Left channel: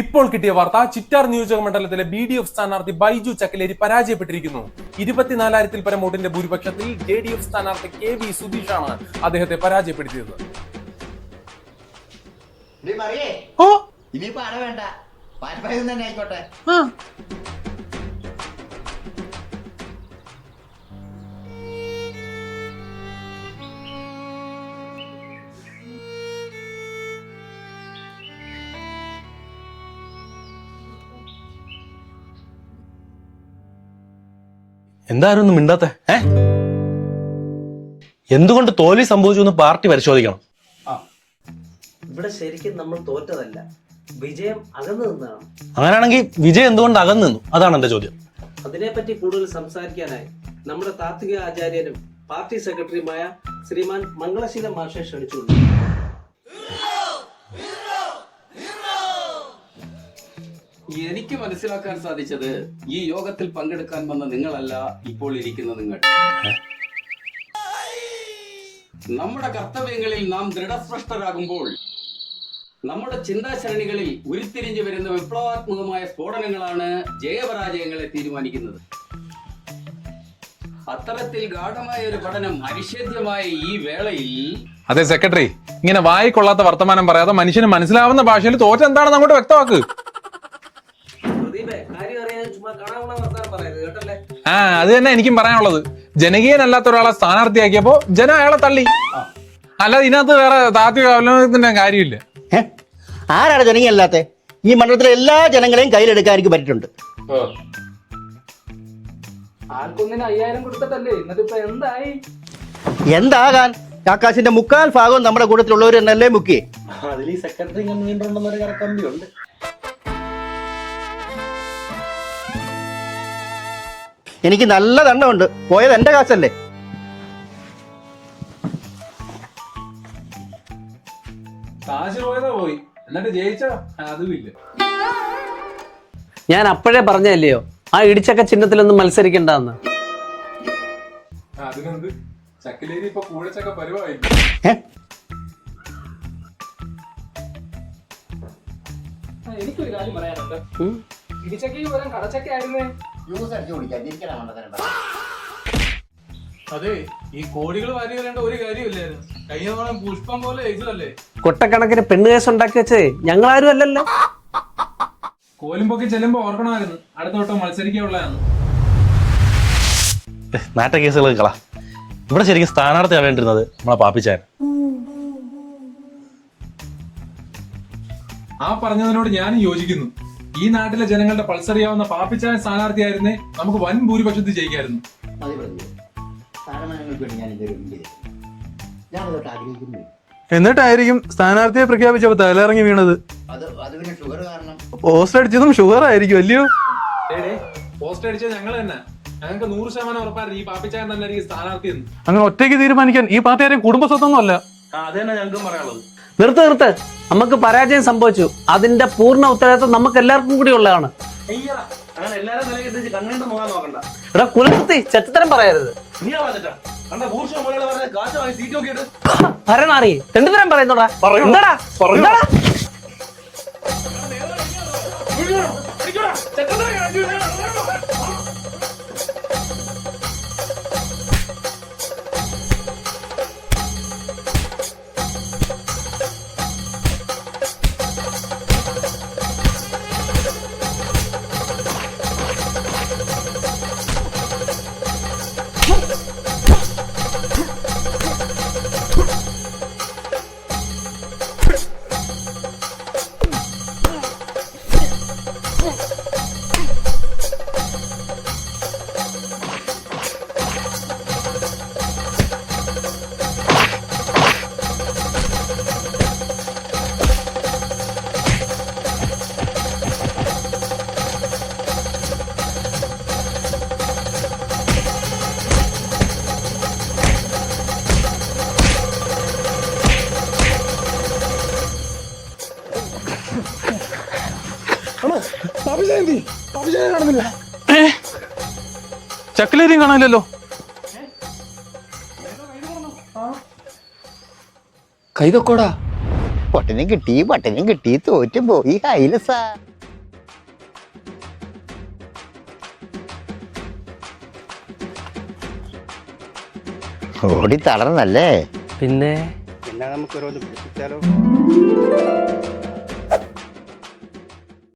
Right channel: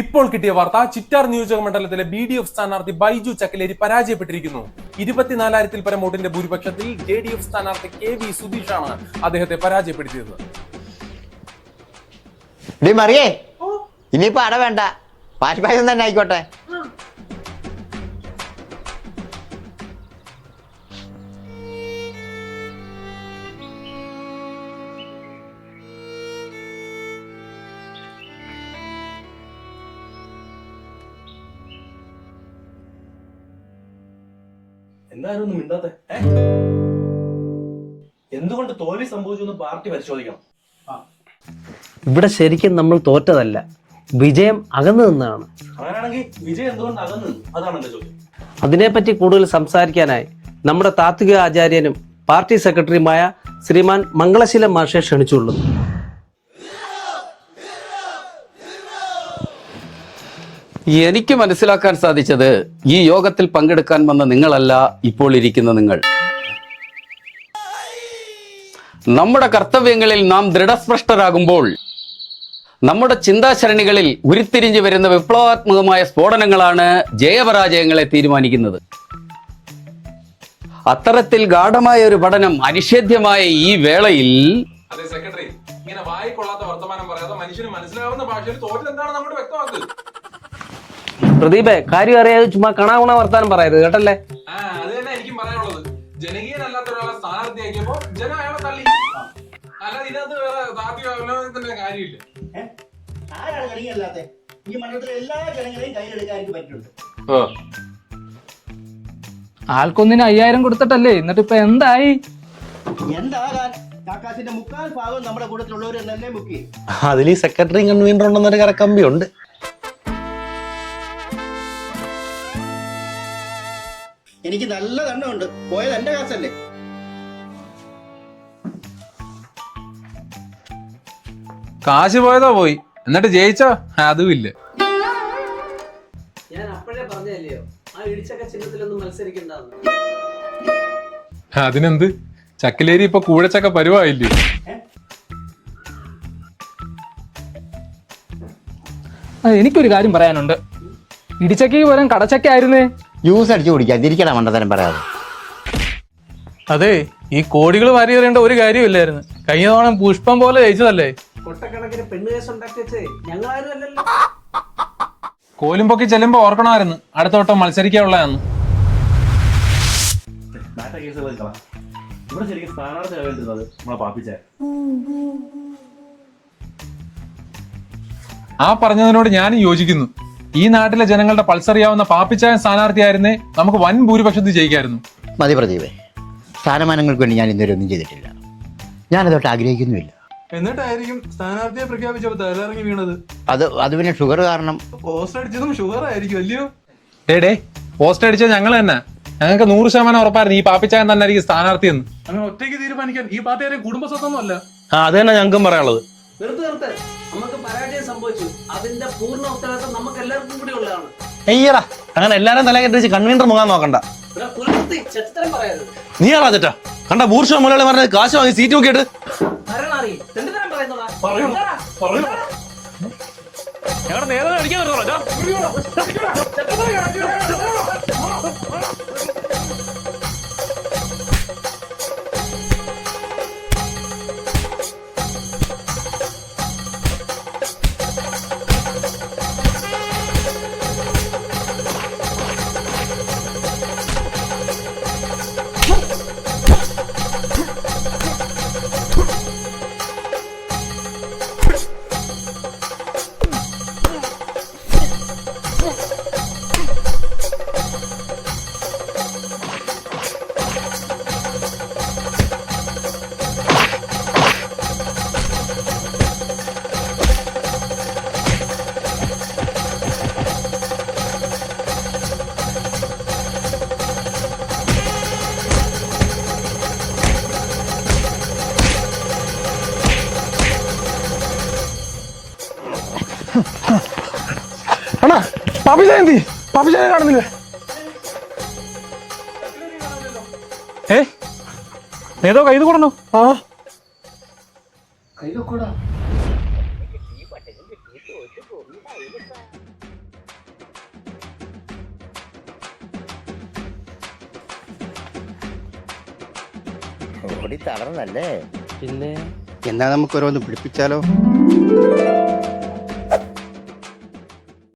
ഇപ്പോൾ കിട്ടിയ വാർത്ത ചിറ്റാർ നിയോജക മണ്ഡലത്തിലെ BDF സ്ഥാനാർത്ഥി ബൈജു ചക്കലേരി പരാജയപ്പെട്ടിരിക്കുന്നു. 24,000-ൽ പരം വോട്ടിന്റെ ഭൂരിപക്ഷത്തിൽ JDF സ്ഥാനാർത്ഥി KV സുധീഷാണ് അദ്ദേഹത്തെ പരാജയപ്പെടുത്തിയത്. ഇനിയിപ്പോ അട വേണ്ട, പായസം തന്നെ ആയിക്കോട്ടെ. എന്തായിരുന്നു മിണ്ടാത്തെ? എന്തുകൊണ്ട് തോൽവി സംഭവിച്ചു എന്ന് പാർട്ടി പരിശോധിക്കണം. ഇവിടെ ശരിക്കും നമ്മൾ തോറ്റതല്ല, വിജയം അകന്നു നിന്നാണ്. അങ്ങനെയാണെങ്കിൽ വിജയം എന്തുകൊണ്ട് അകന്നു നിന്നു? അതാണ് എന്റെ ചോദ്യം. അതിനെപ്പറ്റി കൂടുതൽ സംസാരിക്കാനായി നമ്മുടെ താത്വിക ആചാര്യനും പാർട്ടി സെക്രട്ടറിയുമായ ശ്രീമാൻ മംഗളശീലം മാഷെ ക്ഷണിച്ചുള്ളൂ. എനിക്ക് മനസ്സിലാക്കാൻ സാധിച്ചത് ഈ യോഗത്തിൽ പങ്കെടുക്കാൻ വന്ന നിങ്ങളല്ല ഇപ്പോൾ ഇരിക്കുന്ന നിങ്ങൾ. നമ്മുടെ കർത്തവ്യങ്ങളിൽ നാം ദൃഢസ്പഷ്ടരാകുമ്പോൾ നമ്മുടെ ചിന്താശരണികളിൽ ഉരുത്തിരിഞ്ഞു വരുന്ന വിപ്ലവാത്മകമായ സ്ഫോടനങ്ങളാണ് ജയപരാജയങ്ങളെ തീരുമാനിക്കുന്നത്. അത്തരത്തിൽ ഗാഢമായ ഒരു പഠനം അനിഷേധ്യമായ ഈ വേളയിൽ... അതെ സെക്രട്ടറി, ഇങ്ങനെ വായിക്കൊള്ളാത്ത വർത്തമാനം പറയാതെ മനുഷ്യന് മനസ്സിലാവുന്ന ഭാഷയിൽ തോറ്റ എന്താണെന്ന് അങ്ങോട്ട് വ്യക്തമാക്ക്. പ്രദീപേ, കാര്യം അറിയാതെ ചുമ്മാ കണാകുണ വർത്താനം പറയരുത് കേട്ടല്ലേ. അത് തന്നെ എനിക്കും പറയാനുള്ളത്. ജനകീയനല്ലാത്ത ഒരാളെ സ്ഥാനാർത്ഥിയാക്കിയപ്പോ ജനം അയാളെ തള്ളി. അല്ലാതെ ഇതിനകത്ത് വേറെ താത്വിക അവലോകനത്തിന്റെ കാര്യമില്ല. ആരാണ് ജനകീയല്ലാത്ത? ഈ മണ്ഡലത്തിലെ എല്ലാ ജനങ്ങളെയും കയ്യിലെടുക്കാൻ എനിക്ക് പറ്റിയിട്ടുണ്ട്. ആൾക്കൊന്നിന് 5,000 കൊടുത്തിട്ടല്ലേ, എന്നിട്ട് ഇപ്പൊ എന്തായി? എന്താകാൻ? ആകാശിന്റെ 3/4 ഭാഗവും നമ്മുടെ കൂട്ടത്തിലുള്ളവർ എന്നല്ലേ മുക്കി. അതിൽ ഈ സെക്രട്ടറി കൺവീനർ ഉണ്ടെന്നൊരു കറക്കമ്പി ഉണ്ട്. എനിക്ക് നല്ല ദണ്ണമുണ്ട്. പോയത് എന്റെ കാശല്ലേ. കാശ് പോയതോ പോയി, എന്നിട്ട് ജയിച്ചോ? അതും ഇല്ല. ഞാൻ അപ്പോഴേ പറഞ്ഞല്ലയോ ആ ഇടിച്ചക്ക ചിഹ്നത്തിലൊന്നും മത്സരിക്കണ്ടെന്ന്. അതിനെന്ത്, ചക്കലേരി ഇപ്പൊ കൂടച്ചക്ക പരുവായില്ലേ? എനിക്കൊരു കാര്യം പറയാനുണ്ട്. ഇടിച്ചക്കയ്ക്ക് പകരം കടച്ചക്ക ആയിരുന്നേ. ജ്യൂസ് അടിച്ചു കുടിക്കാൻ തിരിക്കണ മണ്ടത്തരം പറയാതെ. അതെ, ഈ കോടികൾ വാരി എറിയേണ്ട ഒരു കാര്യമില്ലായിരുന്നു. കഴിഞ്ഞ തവണ പുഷ്പം പോലെ ജയിച്ചതല്ലേ. കൊട്ടക്കണക്കിന് പെണ്ണ് കേസ് ഉണ്ടാക്കി വെച്ചേ ഞങ്ങളാരും അല്ലല്ലോ. കോലും പൊക്കി ചെല്ലുമ്പോ ഓർക്കണമായിരുന്നു അടുത്ത വട്ടം മത്സരിക്കാനുള്ളതെന്ന്. നാട്ട കേസുകൾ കള. ഇവിടെ ശരിക്കും സ്ഥാനാർത്ഥി അറിയേണ്ടിരുന്നത് നമ്മളെ പാപ്പിച്ചാൻ. ആ പറഞ്ഞതിനോട് ഞാനും യോജിക്കുന്നു. ഈ നാട്ടിലെ ജനങ്ങളുടെ പൾസറിയാവുന്ന പാപ്പിച്ചാൻ സ്ഥാനാർത്ഥിയായിരുന്നേ നമുക്ക് വൻ ഭൂരിപക്ഷത്തിൽ ജയിക്കായിരുന്നു. മതി പ്രദീപേ, സ്ഥാനമാനങ്ങൾക്ക് വേണ്ടി ഞാൻ ഇന്നുവരെ ഒന്നും ചെയ്തിട്ടില്ല. ഞാനതോട്ട് ആഗ്രഹിക്കുന്നുമില്ല. എന്നിട്ടായിരിക്കും സ്ഥാനാർത്ഥിയെ പ്രഖ്യാപിച്ചപ്പോ തലയിറങ്ങി വീണത്. അത് പിന്നെ ഷുഗർ കാരണം. പോസ്റ്റ് അടിച്ചതും ഷുഗർ ആയിരിക്കും അല്ലയോ? ഡേ പോസ്റ്റ് അടിച്ചത് ഞങ്ങൾ തന്നെ. ഞങ്ങൾക്ക് 100% ഉറപ്പായിരുന്നു ഈ പാപ്പിച്ചാൻ തന്നെ ആയിരിക്കും സ്ഥാനാർത്ഥി എന്ന്. അങ്ങനെ ഒറ്റയ്ക്ക് തീരുമാനിക്കാൻ ഈ പാർട്ടി ആരെയും കുടുംബസ്വത്തൊന്നും അല്ല. അത് തന്നെ ഞങ്ങൾക്കും പറയാനുള്ളത്. നിർത്ത്, നമുക്ക് പരാജയം സംഭവിച്ചു. അതിന്റെ പൂർണ്ണ ഉത്തരവാദിത്വം നമുക്ക് എല്ലാവർക്കും കൂടി ഉള്ളതാണ്. അയ്യടാ, അങ്ങനെ എല്ലാരും തല കെട്ടിച്ച് കൺവീനർ മുങ്ങാൻ നോക്കണ്ട. ഇവിടെ കുലത്തി ചെറ്റത്തരം പറയരുത്. നീ ആളാ ചേട്ടാ. കണ്ട ബൂർഷ മുലകളെ പറഞ്ഞ കാശ് വാങ്ങി സീറ്റ് നോക്കിയിട്ട് ഭരണാറി തെണ്ടുതരം പറയുന്നോടാ. എന്താടാ? കാണുന്നില്ല. ചക്കലേരിയും കാണാനില്ലല്ലോ. നേതോ കൈത് കൂടണോ? കൈതൊക്കോടാ. പട്ടനും കിട്ടി തോറ്റു പോയി ഹൈലസാ. ഓടി തളർന്നല്ലേ? പിന്നെ എന്നാ നമുക്ക് ഓരോന്ന് പിടിപ്പിച്ചാലോ?